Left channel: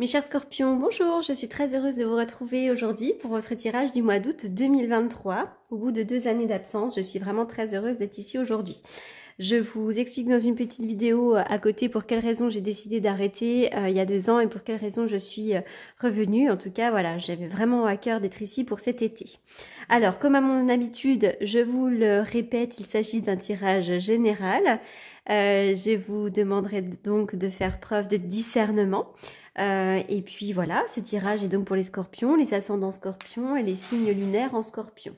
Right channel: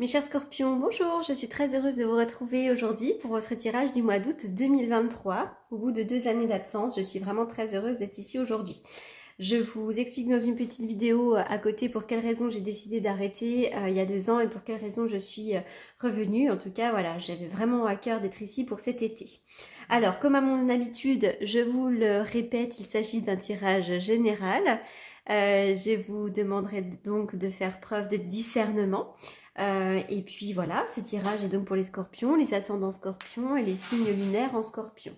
Mes chers scorpions, bonjour, je suis très heureuse de vous retrouver aujourd'hui pour votre tirage du mois d'août 2023. Au bout de 2 années d'absence, je suis vraiment très heureuse d'être ici aujourd'hui. Je vous explique dans une petite vidéo à côté pour quelles raisons j'ai décidé d'arrêter il y a 2 ans et pour quelles raisons je suis revenue. En tout cas, voilà, j'avais vraiment à cœur d'être ici pour cet été. Alors, comme à mon habitude, je vous le répète, il s'agit d'un tirage général. Je vous demanderai donc de faire preuve de discernement. Et puis voilà, ce tirage est donc pour les scorpions, les ascendants scorpions et les signes lunaires en scorpion.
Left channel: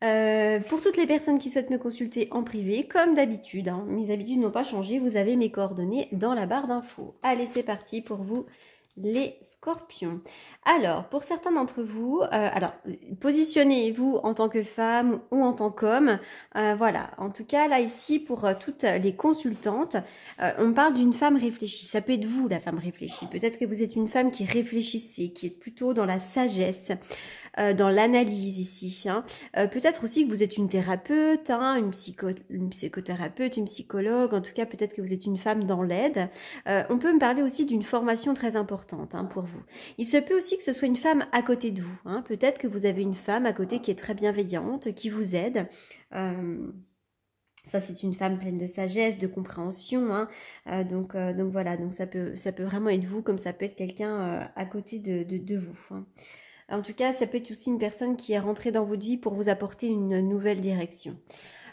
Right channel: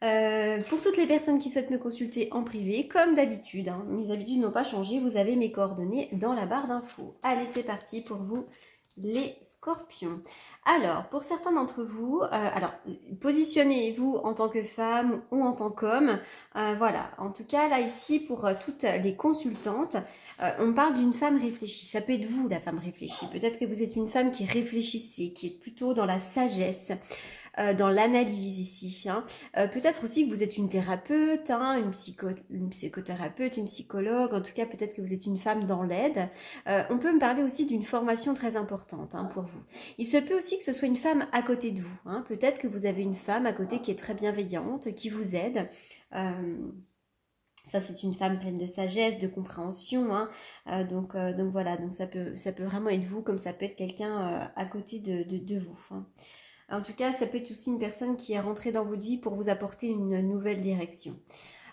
Pour toutes les personnes qui souhaitent me consulter en privé, comme d'habitude, hein, mes habitudes n'ont pas changé, vous avez mes coordonnées dans la barre d'infos. Allez, c'est parti pour vous, les scorpions. Alors, pour certains d'entre vous, positionnez-vous en tant que femme ou en tant qu'homme. Voilà, en tout cas, là, ici, pour toutes les consultantes, on parle d'une femme réfléchie. Ça peut être vous, la femme réfléchie. Peut-être que vous êtes une femme qui réfléchissez, qui est plutôt dans la sagesse, dans l'analyse ici. Hein. Peut-être aussi que vous êtes une thérapeute, hein, une psychothérapeute, une psychologue. En tout cas, peut-être que vous êtes une femme dans l'aide. On peut me parler aussi d'une formation très importante hein, pour vous. Il se peut aussi que ce soit une femme à côté de vous. Hein. Peut-être que vous avez une femme à côté qui est très bienveillante, qui vous aide. Ça, c'est une femme pleine de sagesse, de compréhension. Hein. Donc voilà, donc ça peut vraiment être vous, comme ça peut être quelqu'un à côté de vous. Hein. En tout cas, ça peut être aussi une personne qui est rentrée dans votre vie pour vous apporter une nouvelle direction.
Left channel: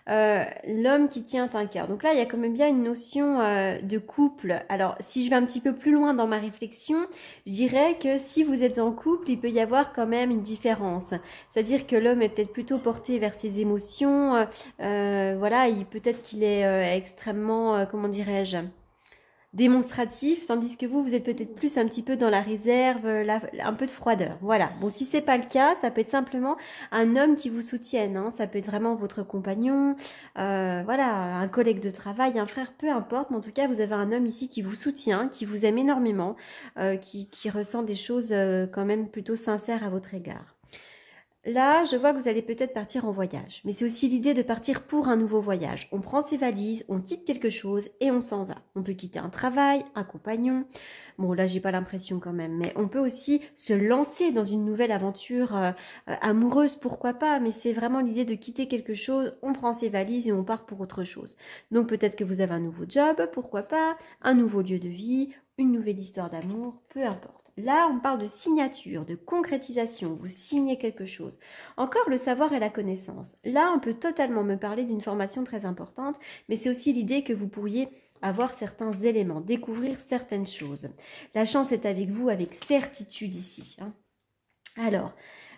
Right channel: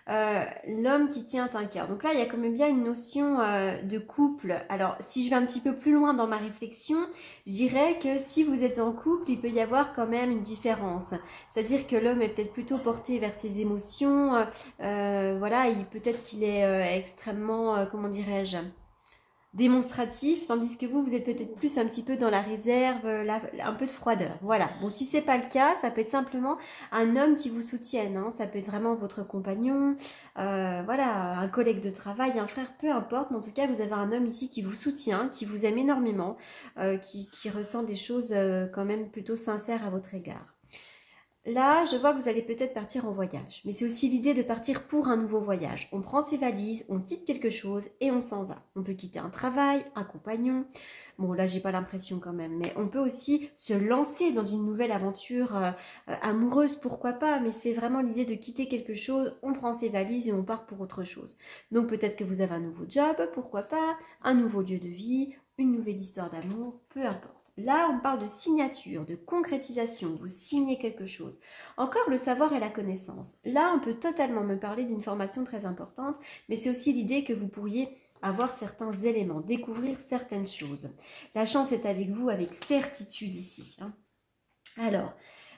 L'homme qui tient un cœur. Donc là, il y a quand même bien une notion de couple. Alors, si je vais un petit peu plus loin dans ma réflexion, je dirais que si vous êtes en couple, il peut y avoir quand même une différence. C'est-à-dire que l'homme est peut-être plutôt porté vers ses émotions. Voilà, peut-être qu'il est extrêmement, comment dirais-je, démonstratif, tandis que vous êtes peut-être plus un petit peu dans la réserve, un peu de froideur. Voilà. Bon, si c'est pas le cas, ça peut être simplement un homme qui vous soutienne. Hein. Ça peut être vraiment votre compagnon, voilà, un collègue de travail, un frère, peu importe. Mais en tout cas, vous avez un homme ici qui vous soutient, qui vous aime énormément, qui ressent des choses quand même plutôt sincères à votre égard. Là, je vois que vous allez peut-être partir en voyage. Mais c'est aussi l'idée de partir pour un nouveau voyage. On prend ses valises, on quitte quelque chose et on s'en va. On peut quitter un travail, un compagnon. Bon, là, j'ai pas l'impression quand même. Mais on peut aussi se lancer dans une nouvelle aventure amoureuse, pourquoi pas. Mais c'est vraiment l'idée de quitter quelque chose. On prend ses valises et on part pour autre chose. Donc peut-être que vous avez un nouveau job, pourquoi pas. Un nouveau lieu de vie, une nouvelle histoire d'amour, peu importe. Là, on parle de signature, de concrétisation. Vous signez quelque chose. Encore le savoir et la connaissance. Là, on peut totalement me parler d'une formation très importante, mais c'est aussi l'idée que vous pourriez avoir certains éléments, découvrir certaines choses. La chance est avec vous avec certitude ici. Hein. Alors,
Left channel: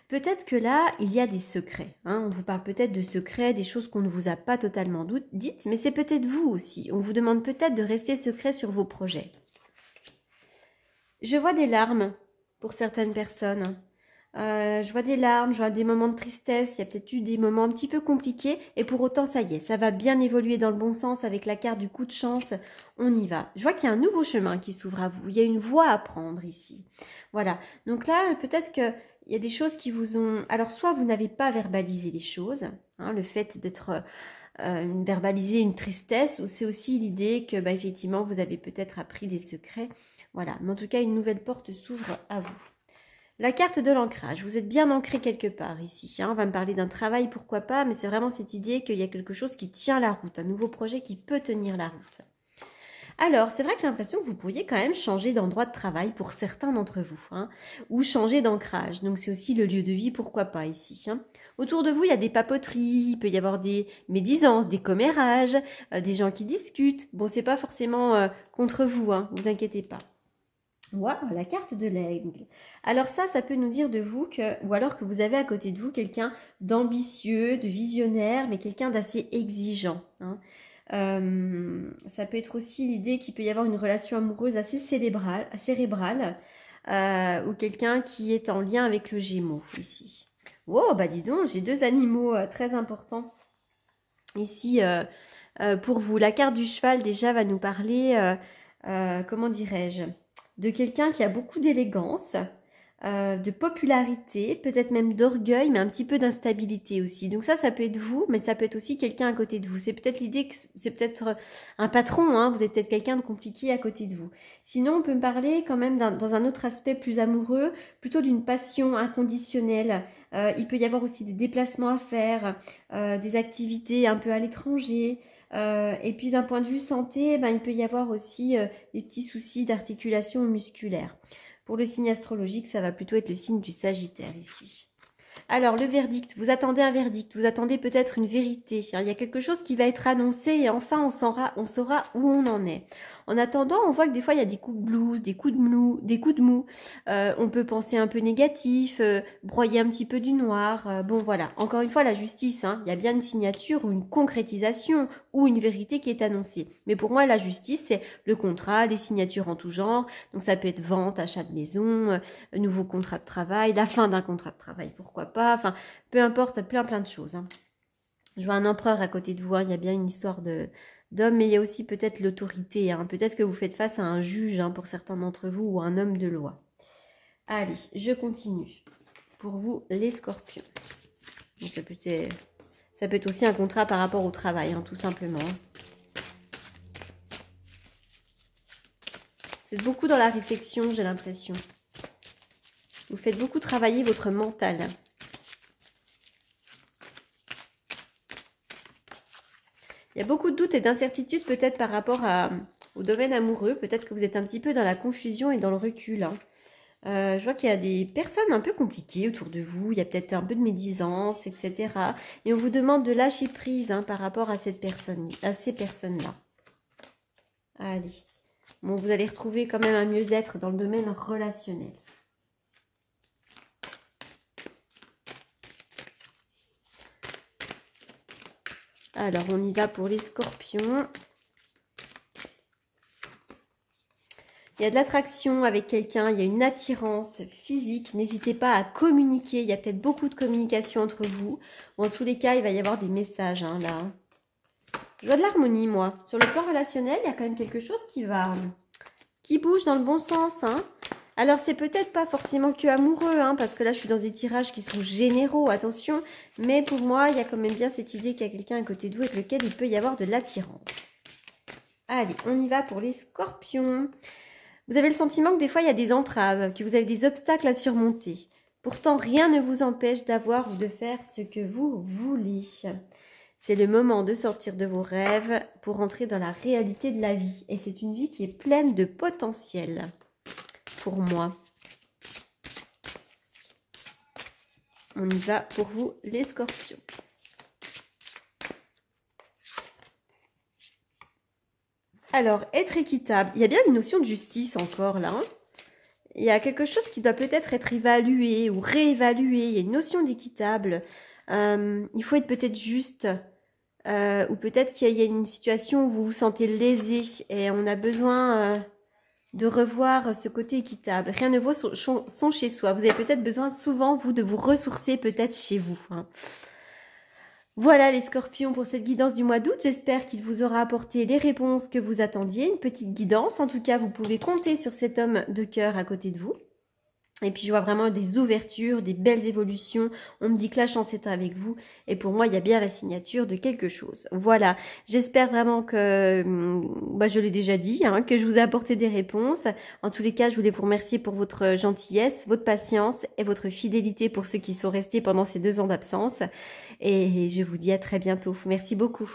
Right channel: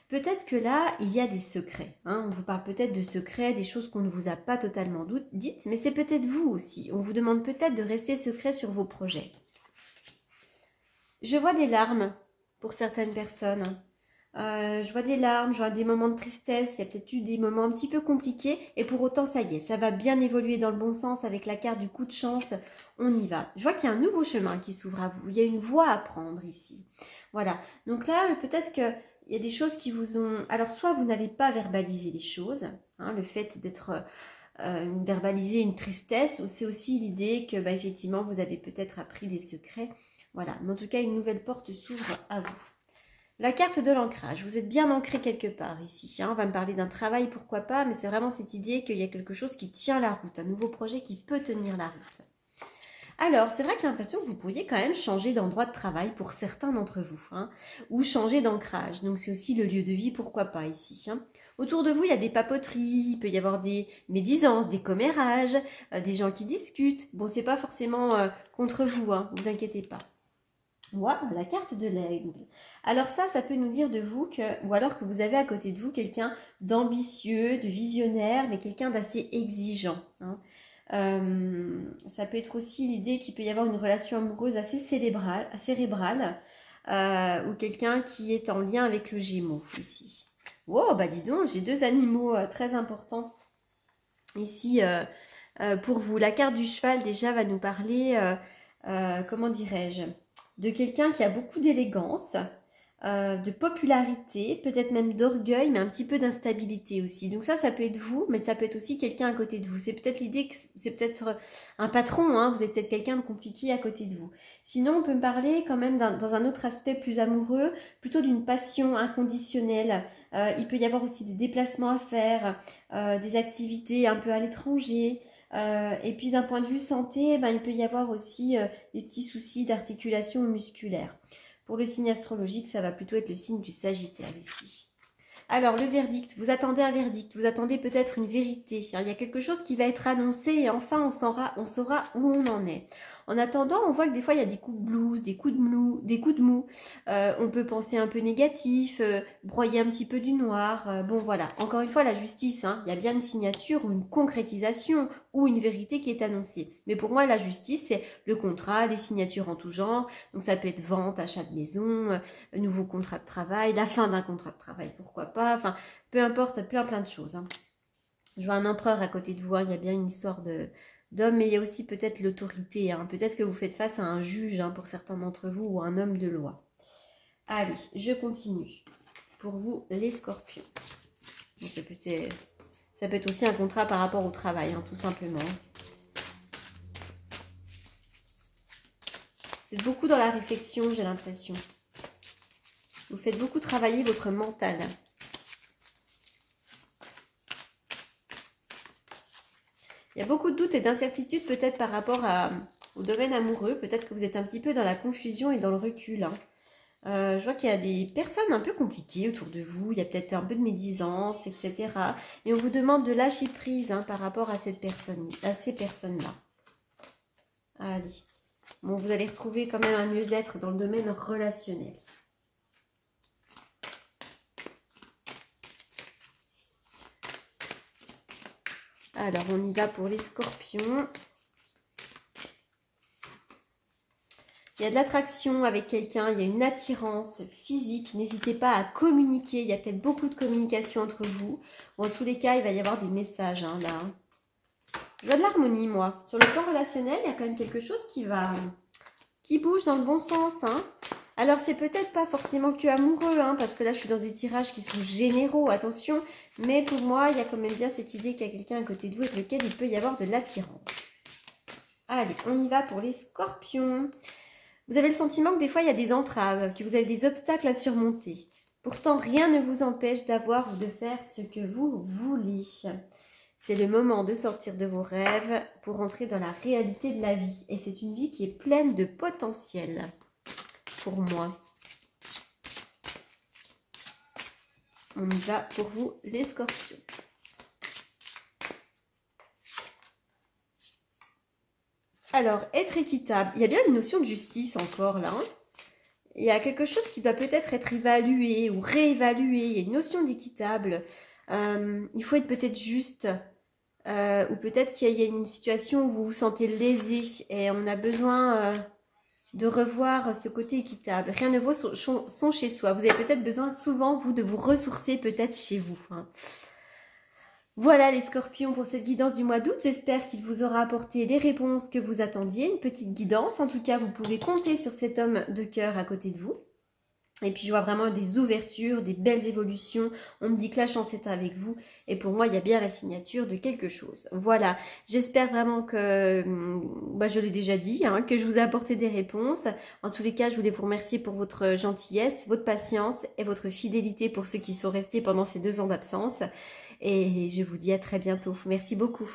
peut-être que là, il y a des secrets. Hein. On vous parle peut-être de secrets, des choses qu'on ne vous a pas totalement dites, mais c'est peut-être vous aussi. On vous demande peut-être de rester secret sur vos projets. Je vois des larmes pour certaines personnes. Je vois des larmes, je vois des moments de tristesse. Il y a peut-être eu des moments un petit peu compliqués. Et pour autant, ça y est, ça va bien évoluer dans le bon sens avec la carte du coup de chance. On y va. Je vois qu'il y a un nouveau chemin qui s'ouvre à vous. Il y a une voie à prendre ici. Voilà. Donc là, peut-être qu'il y a des choses qui vous ont... Alors, soit vous n'avez pas verbalisé les choses. Hein, le fait d'être... verbaliser une tristesse. C'est aussi l'idée que, effectivement, vous avez peut-être appris des secrets. Voilà, mais en tout cas, une nouvelle porte s'ouvre à vous. La carte de l'ancrage, vous êtes bien ancré quelque part ici. Hein. On va me parler d'un travail, pourquoi pas, mais c'est vraiment cette idée qu'il y a quelque chose qui tient la route, un nouveau projet qui peut tenir la route. Alors, c'est vrai que j'ai l'impression que vous pourriez quand même changer d'endroit de travail pour certains d'entre vous, hein, ou changer d'ancrage. Donc, c'est aussi le lieu de vie, pourquoi pas ici. Hein. Autour de vous, il y a des papoteries, il peut y avoir des médisances, des commérages, des gens qui discutent. Bon, c'est pas forcément contre vous, hein, ne vous inquiétez pas. Waouh, la carte de l'aigle. Alors ça peut nous dire de vous que, ou alors que vous avez à côté de vous quelqu'un d'ambitieux, de visionnaire, mais quelqu'un d'assez exigeant. Hein. Ça peut être aussi l'idée qu'il peut y avoir une relation amoureuse assez cérébrale ou quelqu'un qui est en lien avec le Gémeaux ici. Wow, bah dis donc, j'ai 2 animaux très importants ici pour vous. La carte du cheval déjà va nous parler, comment dirais-je, de quelqu'un qui a beaucoup d'élégance, de popularité, peut-être même d'orgueil, mais un petit peu d'instabilité aussi. Donc ça peut être vous, mais ça peut être aussi quelqu'un à côté de vous. C'est peut-être l'idée que c'est peut-être un patron, hein, vous êtes peut-être quelqu'un de compliqué à côté de vous. Sinon, on peut me parler quand même dans un autre aspect plus amoureux, plutôt d'une passion inconditionnelle. Il peut y avoir aussi des déplacements à faire, des activités un peu à l'étranger. Et puis d'un point de vue santé, ben, il peut y avoir aussi des petits soucis d'articulation musculaire. Pour le signe astrologique, ça va plutôt être le signe du Sagittaire ici. Alors, le verdict, vous attendez un verdict, vous attendez peut-être une vérité. Il y a quelque chose qui va être annoncé et enfin on saura où on en est. En attendant, on voit que des fois, il y a des coups de blues, des coups de mou. On peut penser un peu négatif, broyer un petit peu du noir. Bon, voilà. Encore une fois, la justice, hein, il y a bien une signature ou une concrétisation ou une vérité qui est annoncée. Mais pour moi, la justice, c'est le contrat, les signatures en tout genre. Donc, ça peut être vente, achat de maison, nouveau contrat de travail, la fin d'un contrat de travail, pourquoi pas. Enfin, peu importe, plein de choses. Hein. Je vois un empereur à côté de vous, hein, il y a bien une histoire d'homme, mais il y a aussi peut-être l'autorité. Hein. Peut-être que vous faites face à un juge, hein, pour certains d'entre vous, ou un homme de loi. Allez, je continue. Pour vous, les scorpions. Ça peut être aussi un contrat par rapport au travail, hein, tout simplement. C'est beaucoup dans la réflexion, j'ai l'impression. Vous faites beaucoup travailler votre mental. Il y a beaucoup de doutes et d'incertitudes peut-être par rapport au domaine amoureux. Peut-être que vous êtes un petit peu dans la confusion et dans le recul. Hein. Je vois qu'il y a des personnes un peu compliquées autour de vous. Il y a peut-être un peu de médisance, etc. Et on vous demande de lâcher prise, hein, par rapport à ces personnes-là. Allez. Bon, vous allez retrouver quand même un mieux-être dans le domaine relationnel. Alors, on y va pour les scorpions. Il y a de l'attraction avec quelqu'un, il y a une attirance physique. N'hésitez pas à communiquer. Il y a peut-être beaucoup de communication entre vous. Ou en tous les cas, il va y avoir des messages, hein, là. Je vois de l'harmonie, moi. Sur le plan relationnel, il y a quand même quelque chose qui bouge dans le bon sens, hein. Alors, c'est peut-être pas forcément que amoureux, hein, parce que là, je suis dans des tirages qui sont généraux, attention. Mais pour moi, il y a quand même bien cette idée qu'il y a quelqu'un à côté de vous avec lequel il peut y avoir de l'attirance. Allez, on y va pour les scorpions. Vous avez le sentiment que des fois, il y a des entraves, que vous avez des obstacles à surmonter. Pourtant, rien ne vous empêche d'avoir ou de faire ce que vous voulez. C'est le moment de sortir de vos rêves pour entrer dans la réalité de la vie. Et c'est une vie qui est pleine de potentiel. Pour moi. On y va pour vous, les scorpions. Alors, être équitable. Il y a bien une notion de justice encore là. Hein. Il y a quelque chose qui doit peut-être être évalué ou réévalué. Il y a une notion d'équitable. Il faut être peut-être juste. Ou peut-être qu'il y a une situation où vous vous sentez lésé. Et on a besoin... de revoir ce côté équitable. Rien ne vaut son chez soi. Vous avez peut-être besoin souvent, vous, de vous ressourcer peut-être chez vous. Hein. Voilà les scorpions pour cette guidance du mois d'août. J'espère qu'il vous aura apporté les réponses que vous attendiez. Une petite guidance. En tout cas, vous pouvez compter sur cet homme de cœur à côté de vous. Et puis, je vois vraiment des ouvertures, des belles évolutions. On me dit que la chance est avec vous. Et pour moi, il y a bien la signature de quelque chose. Voilà. J'espère vraiment que, je l'ai déjà dit, hein, que je vous ai apporté des réponses. En tous les cas, je voulais vous remercier pour votre gentillesse, votre patience et votre fidélité pour ceux qui sont restés pendant ces 2 ans d'absence. Et je vous dis à très bientôt. Merci beaucoup.